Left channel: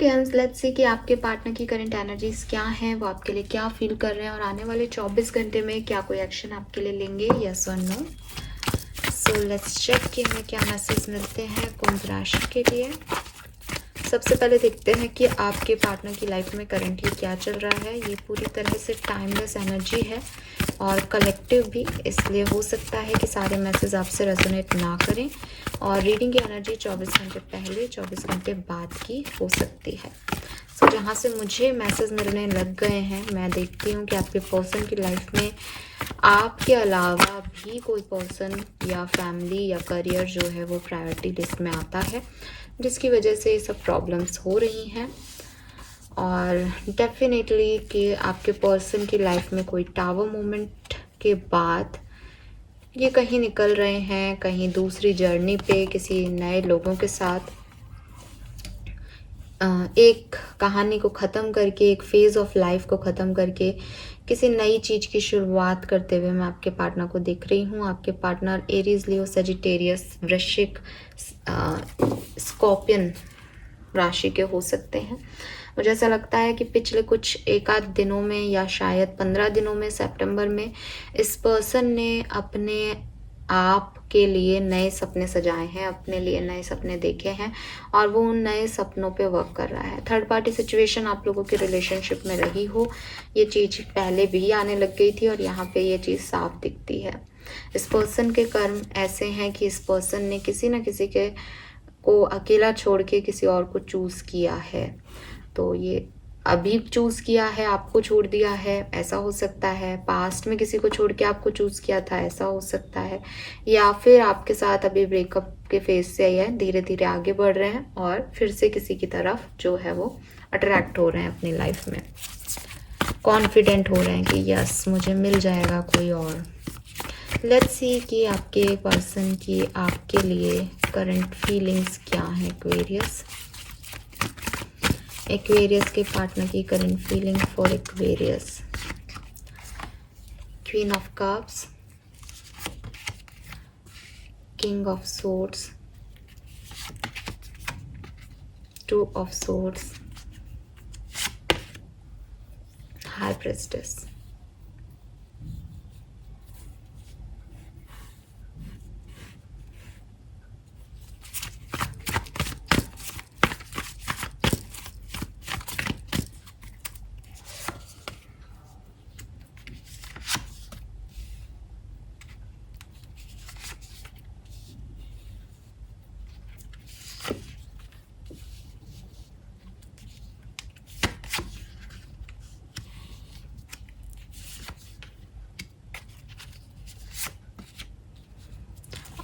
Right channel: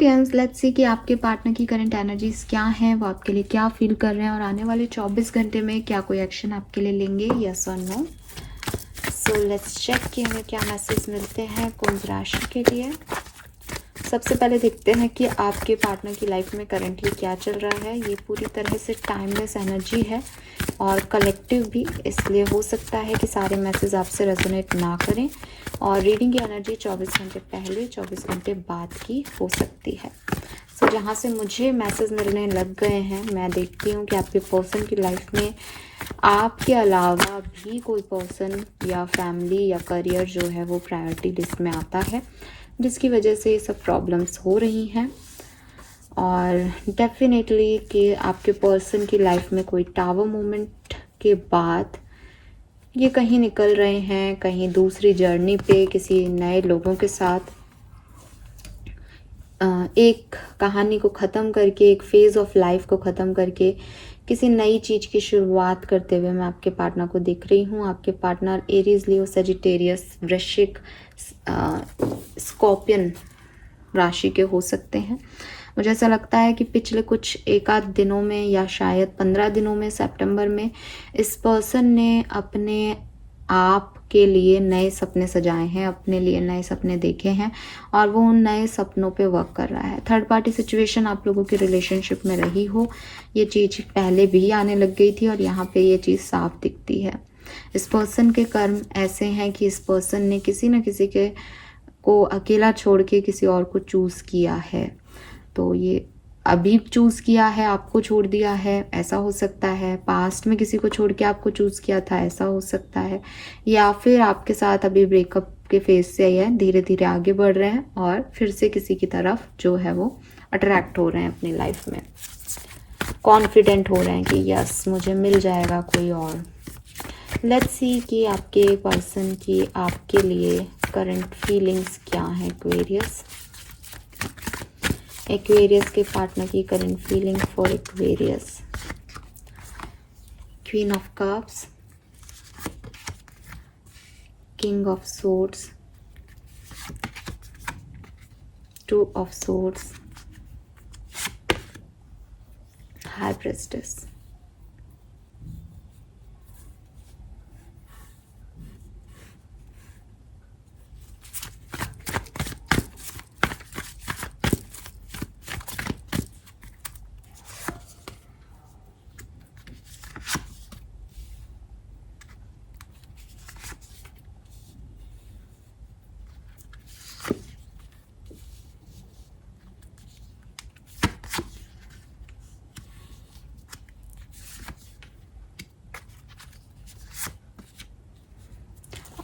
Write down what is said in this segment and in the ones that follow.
Aquarians, let's see कि आपके partner की करंट एनर्जीज क्या है, वो आपके लिए क्या फील कर रहे हैं और आने वाले 24 घंटे में क्या कोई एक्शन आपके लिए लेंगे, यस और नो। सो लेट्स चेक कि हमें क्या मैसेज मिलते हैं कुंभ राशि के लिए। सबसे पहले देखते हैं कि आपके पार्टनर की लाइफ में करंटली क्या चल रहा है। ये पूरी तरह से टाइमलेस एनर्जी है और कलेक्टिव भी, इसलिए हो सकता है कि सारे मैसेज आपसे रेजोनेट ना करें और रीडिंग की एनर्जी 24 घंटे पहले 24 घंटे बाद की हो सकती है। सो जहाँ से मुझे मैसेज मिलने लग गए हैं, मैं देखती हूँ कि आपके पर्सन की लाइफ में आपके अलावा भी कोई पर्सन या फैमिली या करियर जो है वो प्रायोरिटी लिस्ट में आता है, जिसकी वजह से ये सब प्रॉब्लम्स हो रही हैं। और डेफिनेटली कि आपके पर्सन की लाइफ में कोई टावर मोमेंट के बाद ये कहीं निकल रहे हैं, कहीं दूसरी जर्नी पे किसी नए लोगों के साथ एक कहानी को ख़त्म करके, एक फेज़ ऑफ लाइफ को ख़त्म करके किसी नई चीज़ की शुरुआत करते हुए मैं आपके पार्टनर को देख रही हूँ। आपके पार्टनर एरीज, लियो, सजिटेरियस, वृश्चिक, स्कॉर्पियन राशि के हो सकते हैं। मुझे ऐसा लगता है कि पिछले कुछ एक आध दिनों में या शायद 15 दिनों में, सितंबर में, इस पर्सन ने अपने आप के लिए नए सपने सजाए हैं, अपने लिए नए सपने देखे हैं और वो उन नए सपनों पे वर्क कर रहा है। थर्ड पार्टी सिचुएशन आप लोगों की रिलेशनशिप में रही हो, ये चीज़ पहले भी आने लग गई थी और यहाँ पे ये चीज़ साफ दिखती है। इस पर्सन के कर्म ऐसे हैं कि इस पर्सन ने किसी न किसी के को अकेला छोड़ के किसी और को चूज़ किया है। तो ये अभी चूज़ किया है, आपको छोड़ दिया है, ऐसा हो सकता है। पास्ट में किसी को छोड़ के आपको चूज़ किया था, ऐसा हो सकता है। या फिर आपके साथ अभी ब्रेकअप के फेज से ही है, धीरे धीरे आगे बढ़ रहे हैं और फिर से किसी की तरफ जो है वो अट्रैक्ट हो रहे हैं अपनी लाइफ में। कॉन्फिडेंट हो रहे हैं कि यस मुझे मिल जाएगा कोई और। लेट्स सी कि आपके पर्सन की आपके लिए करंट फीलिंग्स क्या है। एक्वेरियस के पार्टनर की current feeling for Aquarius. Queen of cups, king of swords, two of swords, high priestess.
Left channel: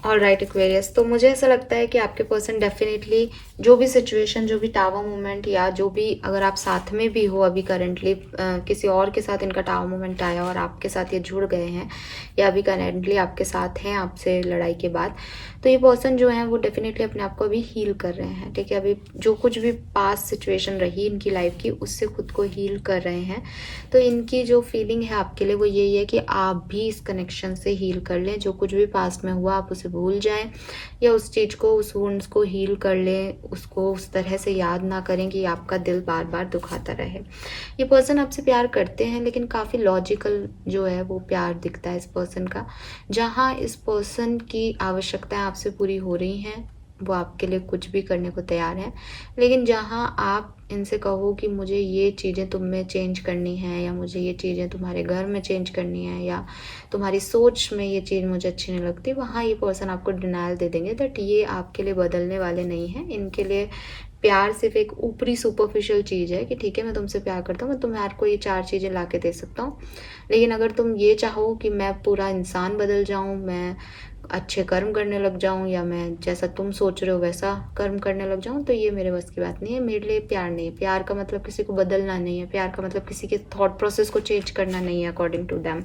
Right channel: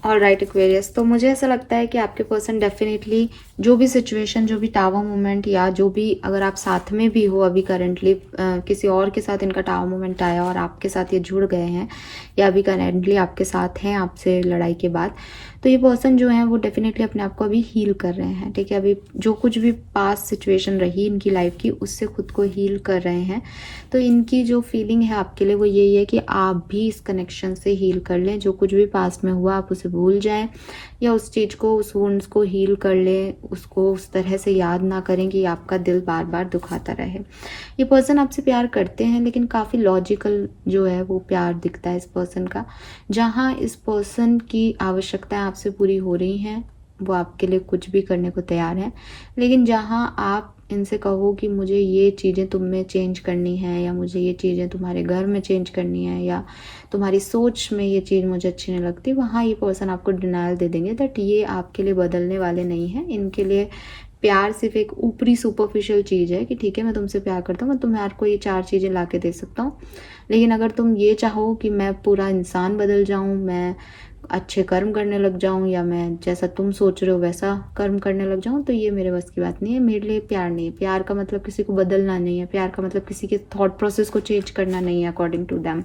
Alright Aquarius, तो मुझे ऐसा लगता है कि आपके पर्सन डेफिनेटली जो भी सिचुएशन, जो भी टावर मोमेंट या जो भी, अगर आप साथ में भी हो अभी करंटली किसी और के साथ इनका टावर मोमेंट आया और आपके साथ ये जुड़ गए हैं या अभी करंटली आपके साथ हैं आपसे लड़ाई के बाद, तो ये पर्सन जो है वो डेफिनेटली अपने आप को अभी हील कर रहे हैं। ठीक है, अभी जो कुछ भी पास्ट सिचुएशन रही इनकी लाइफ की, उससे खुद को हील कर रहे हैं। तो इनकी जो फीलिंग है आपके लिए वो यही है कि आप भी इस कनेक्शन से हील कर लें। जो कुछ भी पास्ट में हुआ आप उसे भूल जाएं या उस चीज़ को, उस वुंड्स को हील कर लें, उसको उस तरह से याद ना करें कि आपका दिल बार बार दुखाता रहे। ये पर्सन आपसे प्यार करते हैं लेकिन काफ़ी लॉजिकल जो है वो प्यार दिखता है इस पर्सन का। जहाँ इस पर्सन की आवश्यकताएं आपसे पूरी हो रही हैं, वो आपके लिए कुछ भी करने को तैयार है। लेकिन जहाँ आप इनसे कहो कि मुझे ये चीज़ें तुम में चेंज करनी है या मुझे ये चीज़ें तुम्हारे घर में चेंज करनी है या तुम्हारी सोच में ये चीज़ मुझे अच्छी नहीं लगती, वहाँ ये पर्सन आपको डिनायल दे देंगे दैट ये आपके लिए बदलने वाले नहीं हैं। इनके लिए प्यार सिर्फ एक ऊपरी सुपरफिशियल चीज़ है कि ठीक है मैं तुमसे प्यार करता हूँ, मैं तुम्हारे को ये 4 चीज़ें ला के दे सकता हूँ, लेकिन अगर तुम ये चाहो कि मैं पूरा इंसान बदल जाऊँ, मैं अच्छे कर्म करने लग जाऊं या मैं जैसा तुम सोच रहे हो वैसा कर्म करने लग जाऊं, तो ये मेरे बस की बात नहीं है। मेरे लिए प्यार नहीं है। प्यार का मतलब किसी को बदलना नहीं है, प्यार का मतलब किसी के थॉट प्रोसेस को चेंज करना नहीं है अकॉर्डिंग टू दैम।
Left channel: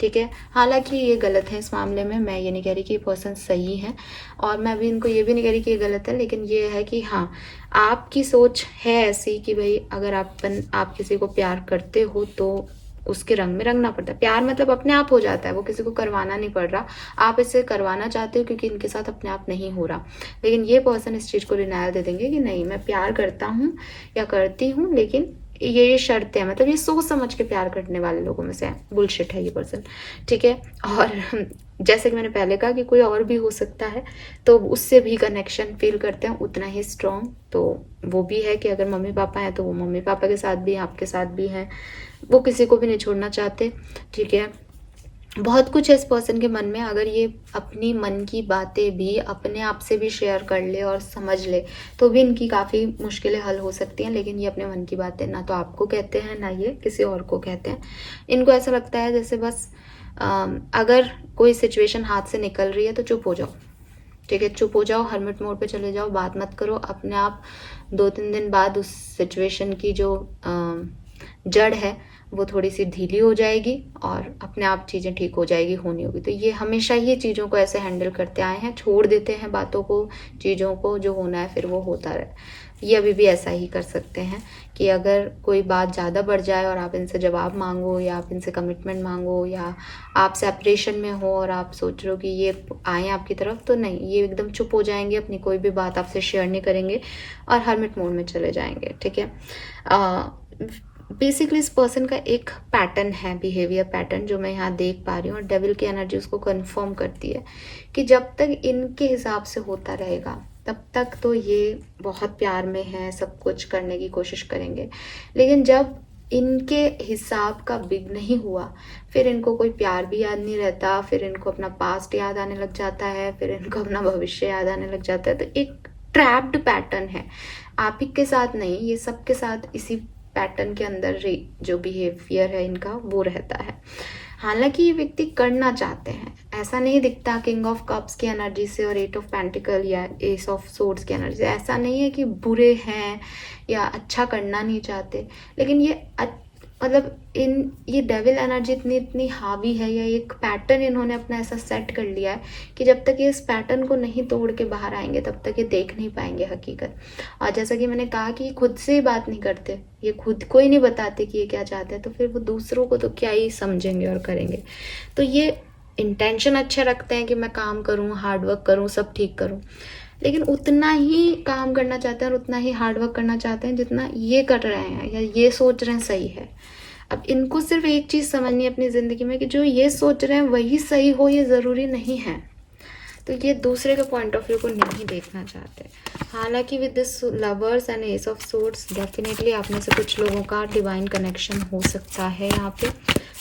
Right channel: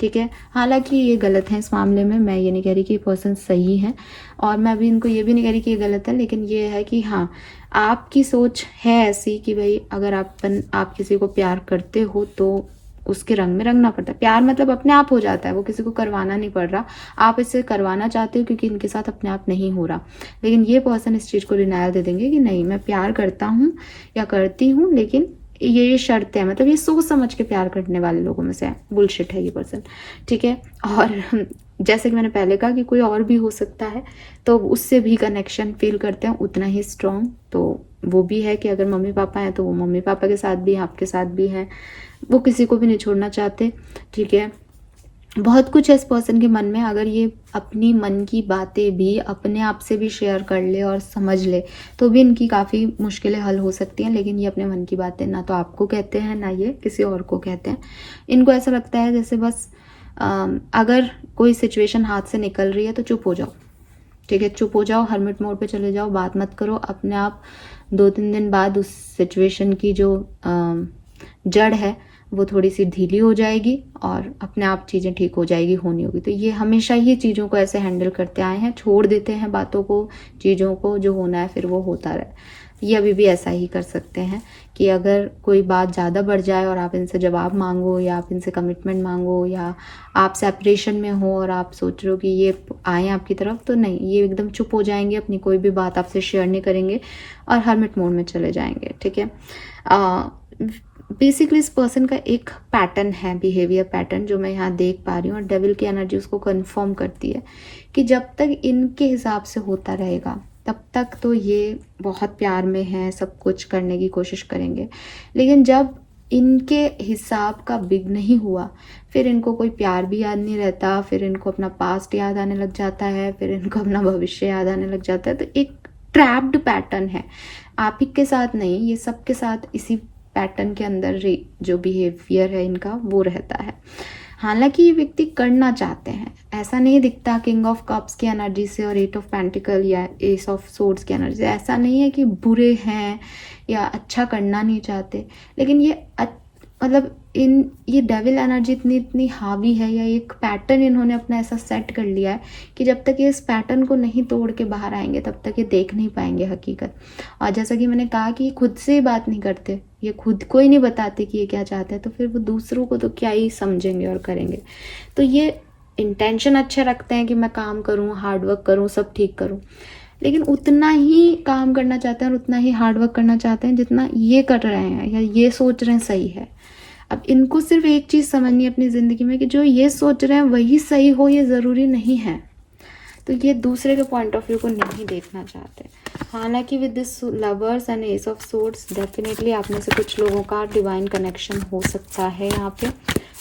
ठीक है, हालांकि ये गलत है इस मामले में, मैं ये नहीं कह रही कि ये पर्सन सही है और मैं भी इनको ये भी नहीं कह रही कि ये गलत है, लेकिन ये है कि हाँ आपकी सोच है ऐसी कि भाई अगर आप किसी को प्यार करते हो तो उसके रंग में रंगना पड़ता है। प्यार मतलब अपने आप हो जाता है, वो किसी को करवाना नहीं पड़ रहा। आप इसे करवाना चाहते हो क्योंकि इनके साथ अपने आप नहीं हो रहा, लेकिन ये पर्सन इस चीज़ को डिनायल दे देंगे कि नहीं, मैं प्यार करता हूँ या करती हूँ, लेकिन ये शर्तें हैं। मतलब ये सोच समझ के प्यार करने वाले लोगों में से है, बुलशिट है ये पर्सन, ठीक है। और जैसे कि मैंने पहले कहा कि कोई और भी हो सकता है, तो उससे भी कनेक्शन फील करते हैं उतना ही स्ट्रॉन्ग। तो वो भी है कि अगर मम्मी पापा हैं तो वो मम्मी पापा के साथ भी हैं, आपके साथ भी हैं, वो किसी को भी नहीं छोड़ना चाहते, ठीक है। बहुत कुछ है इस पर्सन के मन में। अगर ये अपनी मन की बातें भी अपने आप से भी शेयर कर ले और समझ ले तो भी इनकी काफ़ी मुश्किलें हल हो सकती हैं, लेकिन ये अपने मन की बातें ना तो आपको कहते हैं ना ये किसी और को कहते हैं। इनको ऐसा लगता है जैसे बस अगर कोई सिचुएशन हाथ से निकल रही है तो चुप हो जाओ, ठीक है, चुप हो जाओ, हर्मिट मोड पे चले जाओ, बात मत करो। अपने आप 2-3 दिन बाद उस सिचुएशन की जो जड़ है वो थोड़ी सी ढीली हो जाएगी और अपने आप चीज़ें ठीक हो जाएगी, होनी होगी। तो ये हमेशा ही चीज़ों को ऐसे हैंडल करते आए हैं, छोड़ देते हैं बातों को, चीज़ों को, जो होना है फिर वो होता रहे। ये अभी भी ऐसा ही कर सकते हैं कि अगर कोई बात ज़्यादा बढ़ जाए और आप इनसे जवाब मांगो या आप इनसे कमिटमेंट मांगो या आप सेपरेशन में हो और आप सोच रहे हो कि ये आए आपकी तरफ, तो नहीं, ये एकदम चुप हो जाएंगे, अपनी कोई भी बात आपसे शेयर नहीं करेंगे और हर्मिट मोड में चले जाएंगे, ठीक है। बेसिकली इस पर्सन का एक पैटर्न है, बिहेवियर पैटर्न, जो मैं यहाँ देख पा रही हूँ, और डेविल की एनर्जी उसको कंफर्म करती है कि जब तक इनके हिसाब से होता रहेगा तब तक तो ये बहुत प्यार में है, सब कुछ करने की कोशिश करेंगे, लेकिन जब इनके हिसाब का बिग नहीं हुआ फिर इनको कोई प्यार भी याद नहीं रहता, फिर इनको अपना पास्ट याद आने लग जाता है, फिर इनको अपना भविष्य याद आने लग जाता है। तो एक ट्रैप्ड पैटर्न है, आप ही के साथ नहीं, ये सबके साथ इसी पैटर्न के अंदर जो बिहेवियर है इनका वो रहता है। हालांकि ये व्यक्ति करना चाहते हैं, ऐसा नहीं दिखता किंग ऑफ कप्स की एनर्जी से और 8 ऑफ पेंटिकल या एस ऑफ सोर्ड्स की एनर्जी से, ऐसा नहीं है कि बुरे हैं या अच्छा करना नहीं चाहते, लेकिन ये मतलब ये डेविल एनर्जी इतनी हावी है, या एक पैटर्न इन्होंने अपना ऐसा सेट कर लिया है कि जब तक ये इस पैटर्न को नहीं तोड़ के बाहर आएंगे तब तक ये देख नहीं पाएंगे हकीकत। और जैसा कि मैंने कहा कि ये खुद से ही बात नहीं करते, ये खुद को ही नहीं बताते कि ये क्या चाहते हैं, तो फिर वो दूसरों को तो क्या ही समझेंगे और करेंगे। तो ये इंटेंशन अच्छे रखते हैं कि मैं काम करूँ, हार्डवर्क करूँ, सब ठीक करूँ, लेकिन उतना ही काम करना चाहते हैं और उतना ही हार्डवर्क करना चाहते हैं जितना ये कर रहे हैं या ये सोच रहे हैं सही है। अब इनको सिर्फ एक चीज़ समझनी है अपनी ज़िंदगी में कि जो ये सोच रहे हैं वही सही हो, ये ज़रूरी नहीं है। तो ये दूसरे के पॉइंट ऑफ व्यू को नहीं देखना चाहते। हालांकि with this lovers and S of swords definitely आप में से कुछ लोगों का डिवाइन कनेक्शन हो सकता है यहाँ पे।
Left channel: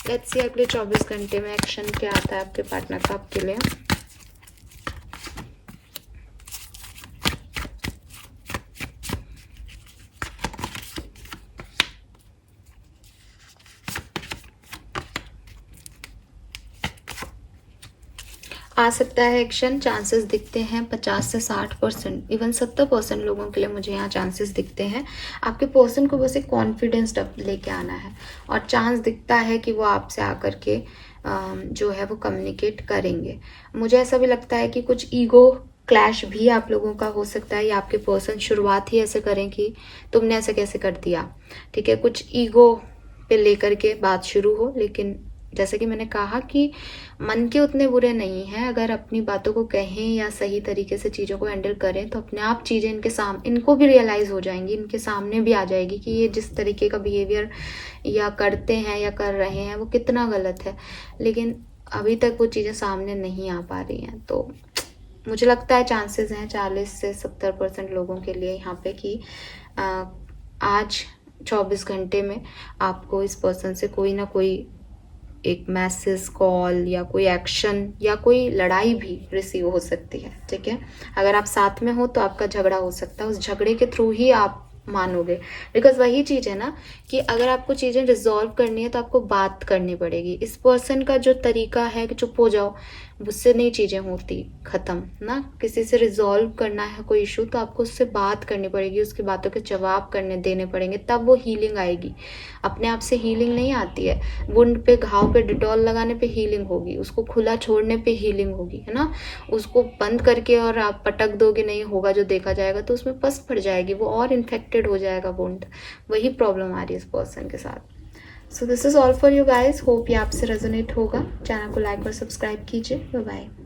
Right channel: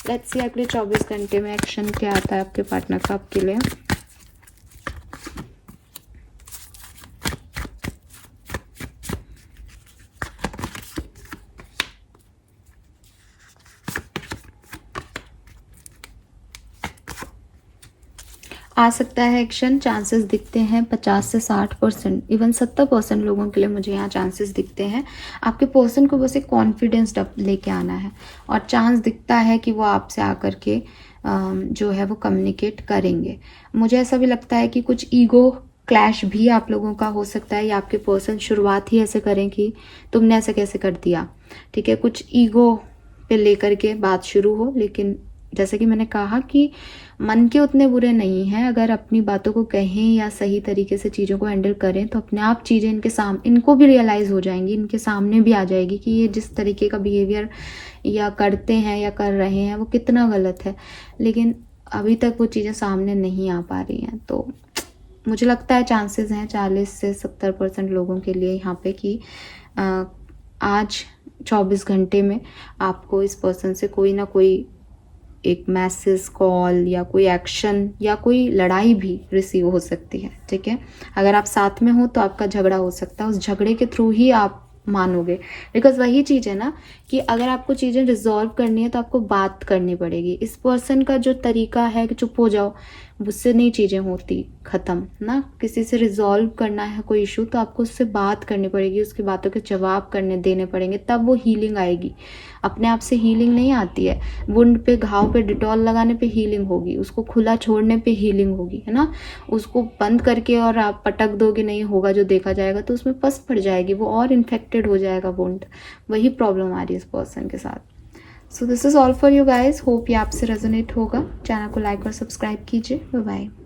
लेट्स सी अगले 24 घंटे में एक्शन क्या आता है आपके पार्टनर का आपके लिए। आ सकता है एक्शन, चांसेस दिखते हैं 50 से 60%, इवन 70% लोगों के लिए मुझे यहाँ चांसेस दिखते हैं। आपके पर्सन को बस एक कॉन्फिडेंस लेके आना है और चांस दिखता है कि वो आपसे आकर के जो है वो कम्युनिकेट करेंगे। मुझे ऐसा भी लगता है कि कुछ ईगो क्लैश भी आप लोगों का हो सकता है, या आपके पर्सन शुरुआत ही ऐसे करें कि तुमने ऐसे कैसे कर दिया, ठीक है, कुछ ईगो पे लेकर के बात शुरू हो। लेकिन जैसे कि मैंने कहा कि मन के उतने बुरे नहीं हैं, अगर अपनी बातों को कहें या सही तरीके से चीज़ों को हैंडल करें तो अपने आप चीज़ें इनको भी रियलाइज़ हो जाएंगी, इनके सामने भी आ जाएगी कि ये जिस तरीके का बिहेवियर या करते हैं या कर रहे हैं वो कितना गलत है, लेकिन अभी तक वो चीज़ें सामने नहीं आ पा रही हैं। तो मुझे लगता है चांसेस हैं 40 से 70% लोगों के लिए यहाँ पे कि आज 24 घंटे में आपको इस पर्सन से कोई ना कोई एक मैसेज, कॉल या कोई एक्शन या कोई लड़ाई भी रिसीव हो सकती है, ठीक है। अगर आप साथ में हो तो आपका झगड़ा हो सकता है, उस झगड़े के थ्रू ही आप मानोगे, बिकॉज वही चीज़ है ना कि अगर आपको चीज़ें रिजॉल्व करनी है तो आपको बात करनी पड़ेगी। इस पर्सन का जो तरीका है कि चुप हो जाओ, उससे नहीं चीज़ें होती ख़त्म ना। किसी से रिजॉल्व करना है कोई इशू तो आपको उससे बात करनी पड़ेगी, उसकी बातों के जवाब देने पड़ेंगे, तब वो हीलिंग आएगी। अपने आप से हीलिंग नहीं आती है। वुंड पे, घाव पे डिटॉल लगाने पे हीलिंग होगी, उसको खुला छोड़ने पे हीलिंग होगी, है ना। उसको बंद करके और आप पटक दोगे नहीं होगा जो देखा जाएगा, तो उसमें पस पड़ जाएगी, वो और इन्फेक्टेड हो जाएगा वुंड। वही प्रॉब्लम आ रही है इस पर्सन के साथ। So this is all for you guys, hope ये आपसे रेजोनेट होगा। चैनल को लाइक और सब्सक्राइब कीजिए। Bye bye.